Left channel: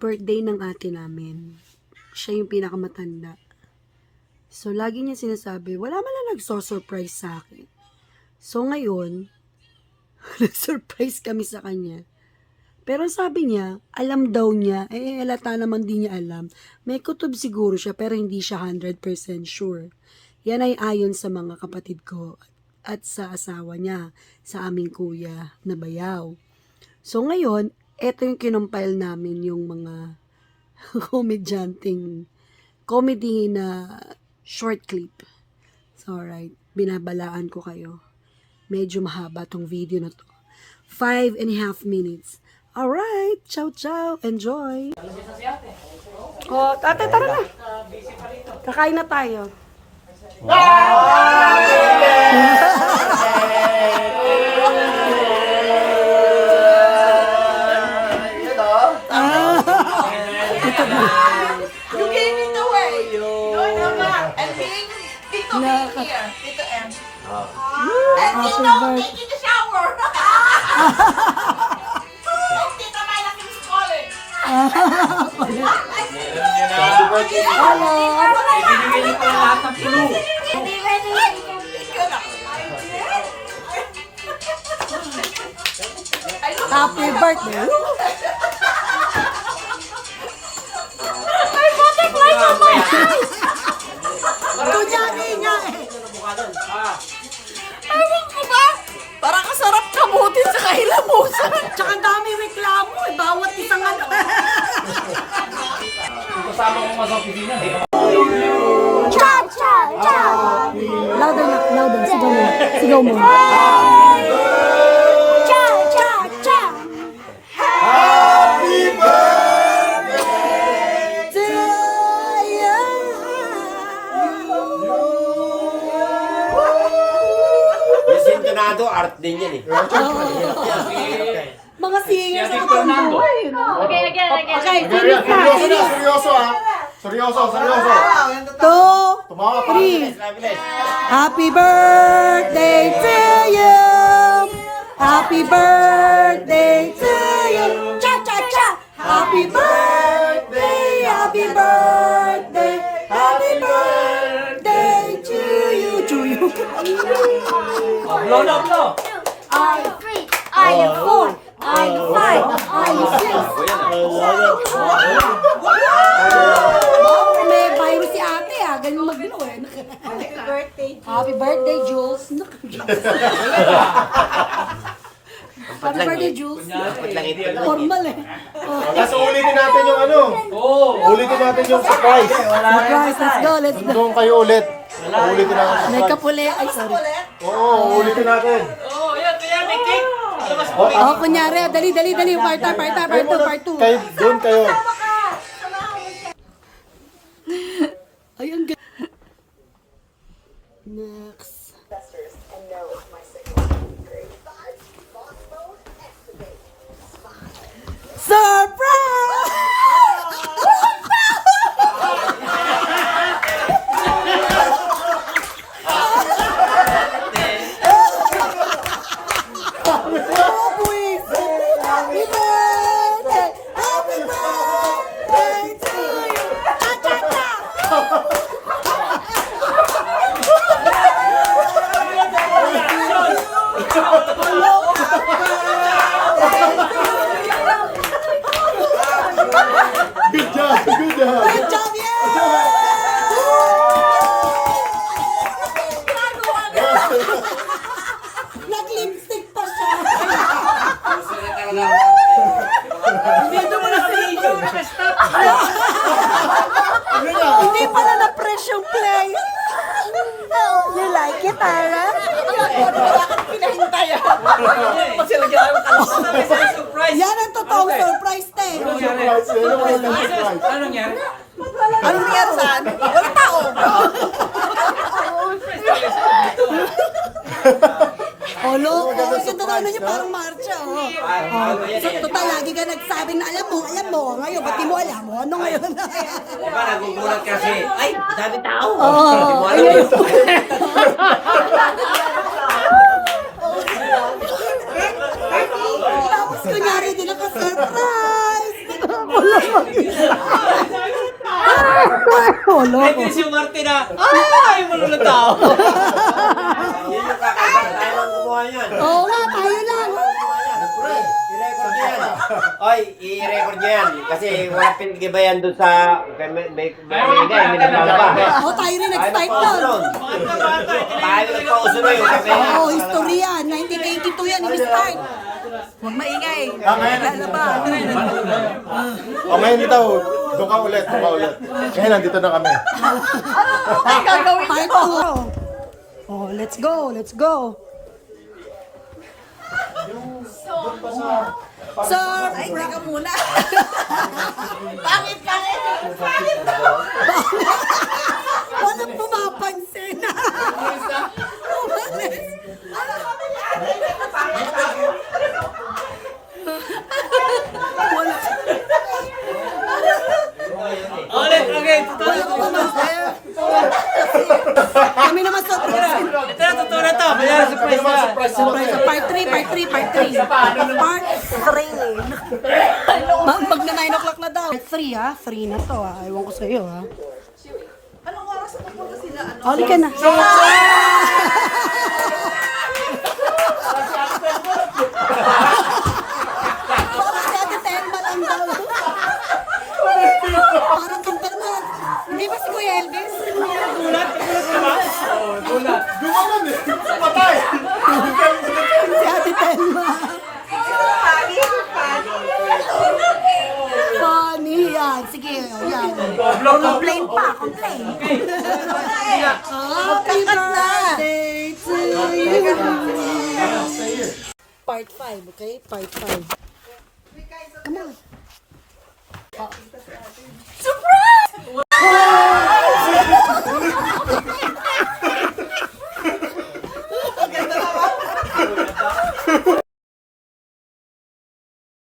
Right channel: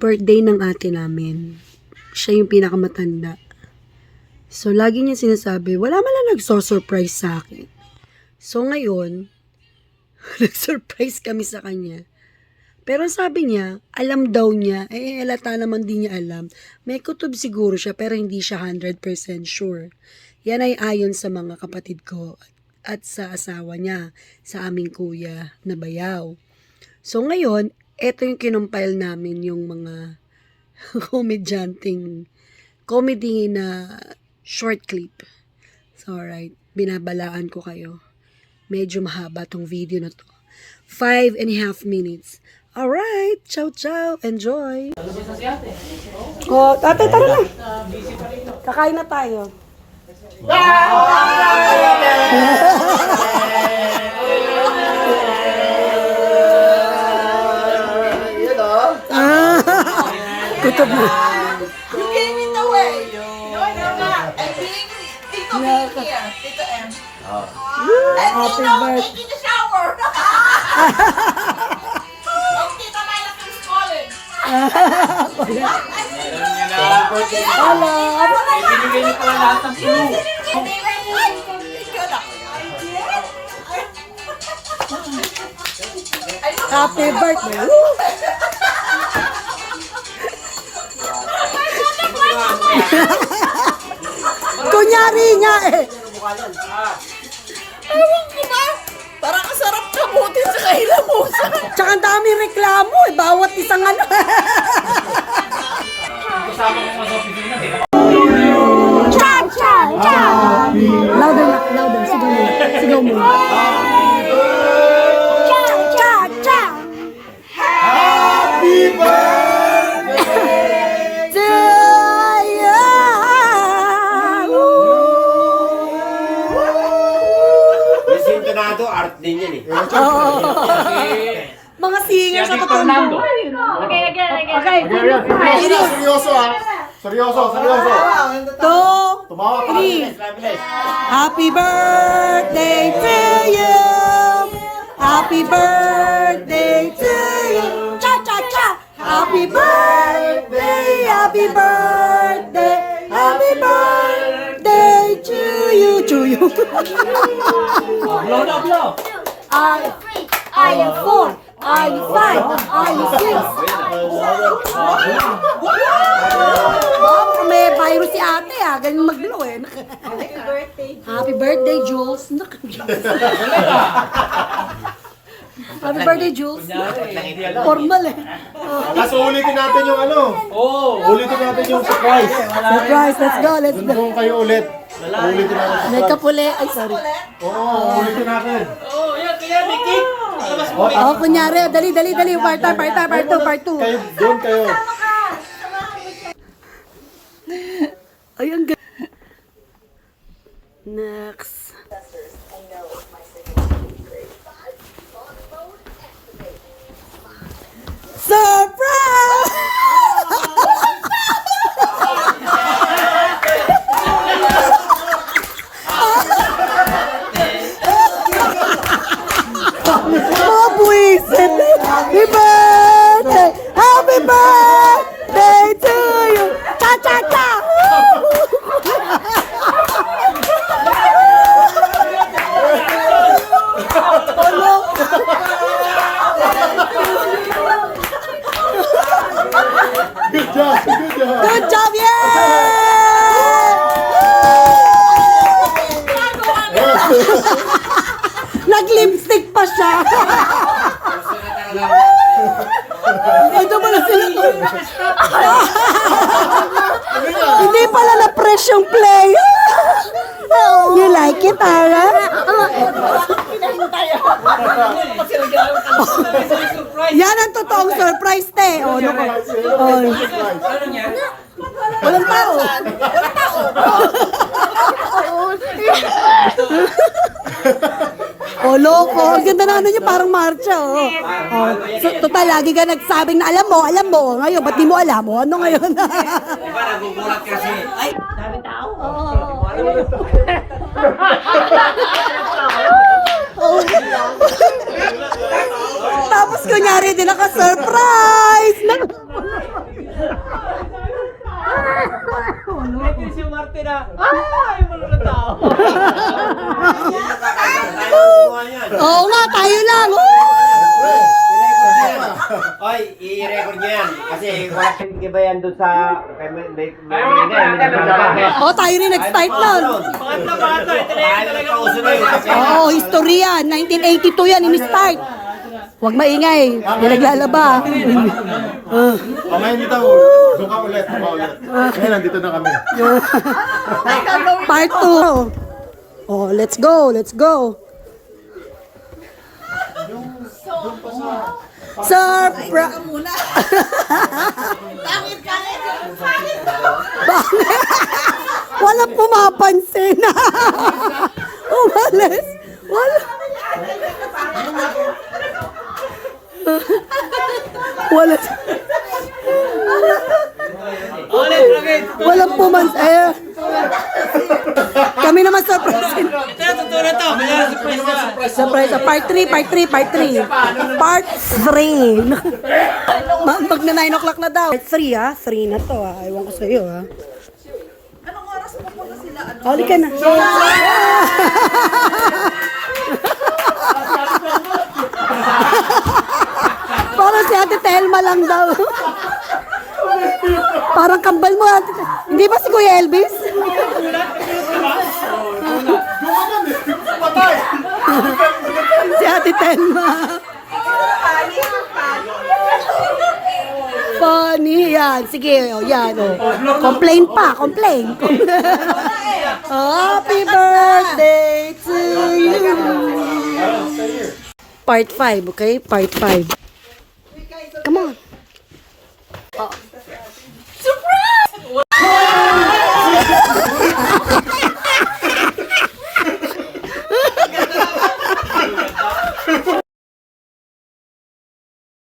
birthday ng ate namin. Siya yung pinakamatanda. So, lagi niya sinasabi, wala man lang nagso-surprise sa akin. So, ngayon, nag-surprise kami sa kanya. Pero sabi niya, alam daw niya, halata naman din niya alam. May kutob siguro siya, pero hindi siya 100% sure. Yan ay ayon sa mga kapatid ko at sa asawa niya, sa aming kuya na bayaw. So, ngayon, eto yung kinumpile namin yung mga comedy na short clip. So, alright, binabalaan ko kayo. Medyo mahaba tong video na to. 5.5 minutes. Alright, ciao ciao, enjoy. Oh, ate, tara na. Kakain na tayo. Kutob mo. You gave it away. No. And Tito B here. Tito M. And Tito taking the shower. And Tito Myla keeps calling. Hello. Ibinigay niyo pala lahat ng clue. Happy birthday. Kunyari nga eh. Ewan ko ba? Parang kasarap kamutin sa kahilamusan. Tsaka ang dami reklamo eh. Bawat isang ano. Kasama ko mga sa opisina. Cha, cha, cha. Louder na, louder. Sigaw mo. Sigaw mo. Cha, cha, cha. Happy birthday to you. Yung sintonado, art din yan eh. Mga singer sa totoong buhay. Okay, again. Okay, serious na. Serious. Seryoso ah. Seryoso. 2, 3. Happy birthday to you. Happy birthday to you. Cha cha cha. Happy birthday. Happy birthday. Happy birthday to you. To you. Blow na, blow. Are you 4? Are you 5? Are you 6? Baka may virus si ate ah. Ganyan mag-blow eh. Happy birthday, Jules. Happy birthday, Jules. Formal eh. Tapos ulitin natin yung ano. Ulitin natin yung surprise. Surprise, let's go, let's go. Doon kayo ulit. Ulitin natin. May kapuli. Ay, sorry. Oo, ulitin natin. Oh, yan, kaya may cake. Labas mo. Oh, kunyari. Dali. Part 2. Kayo, doon kayo. Ay, ang ganda. Next. Surprise! Mga buwisit. Happy birthday! Happy birthday to you! Cha cha cha! Hello? Good job. Good job, yeah! Nag-lipstick pa siya. Dito pala Hindi pala na-press yung play. You like it, Tara? Yan ang totoong surprise, te. Oh, Ano nangyari? walang tao. Walang tao. Oh, loko. Ang ganda na ano niya, parang marcha, oh. Oh, so, total, lagi ka nagsabing na alam mo. Ngayon, ba't di mo alam mo? Ano ngayon? Diba nagugulat kasi, ay, sabi tao. Oo. Ayun. Tapos kunyari din naka-surprise! Wala mag-isa. Wala ko. Si Martin na, ay, malulog tao. Yun yung kakasal tayo kumuha yan. Oo nga, tayo lang. I-record yan. Oy, i-record niya yan. Kasi wala pinag-ibayan doon sa... Oo, tayo rin nag-start nun. Pangatlo, pangatlo. Ito na yung talaga Pauso na yun. Oo, history yan. 1982 yan, ini-start. Huwag maingay. May naglalaba. Ngayon dito, doon ka ulit. Ngayon, nandito na kami. Part 2. Oh, let's go. Surprise! Muna. Bakit? Walang pumapansin. Umalis. Wala. ulit. Walang pumapansin. Kami naman surprise. Ito na, totoo na to. Kaya surprise na. Surprise. Part 3. Part 3. Mag na 9 o'clock na daw. Part 3 ha. 3 na to ha. Ewan ko sa'yo ha. Anong oras pupunta sila? Huli ka na. Parang si Ate Telma lang daw. Parang kambal mo ate. Hindi ba si Kuya Elvis? Si Ate Telma. Funny yan. Sige, oh, yan. Oh. Complain pa, complain. Happy birthday to you. Part 5, okay? Part 5. Come on. Surprise!